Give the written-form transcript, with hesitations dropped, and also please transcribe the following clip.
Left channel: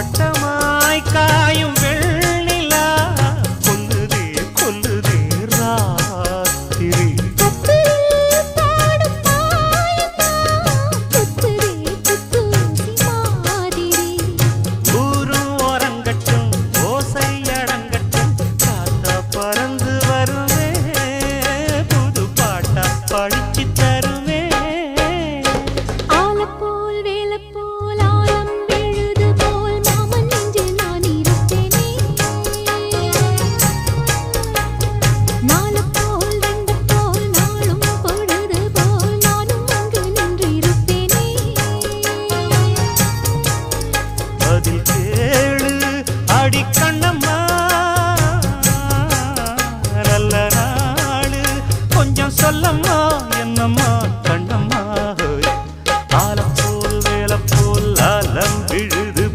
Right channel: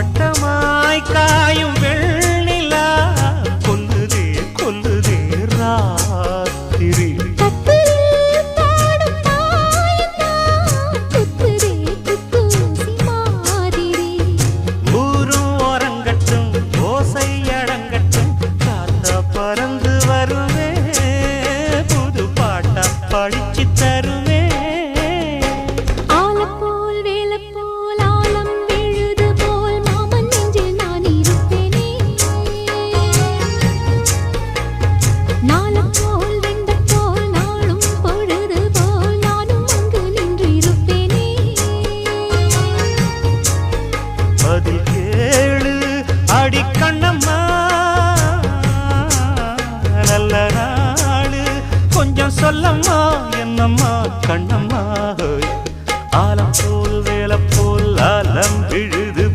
வட்டமாய் காயும் வெண்ணிலா கொல்லுதே கொல்லுதே ராத்திரி ஊரும் ஓரங்கட்டும் ஓசை அடங்கட்டும் காத்தா பறந்து வருமே புது பாட்டா படிச்சு தருமே பதில் கேளு அடி கண்ணம்மா நல்ல நாளு கொஞ்சம் சொல்லம்மா என்னம்மா கண்ணம்மா ஆலம் போல் வேலை போல் ஆலம் விழுது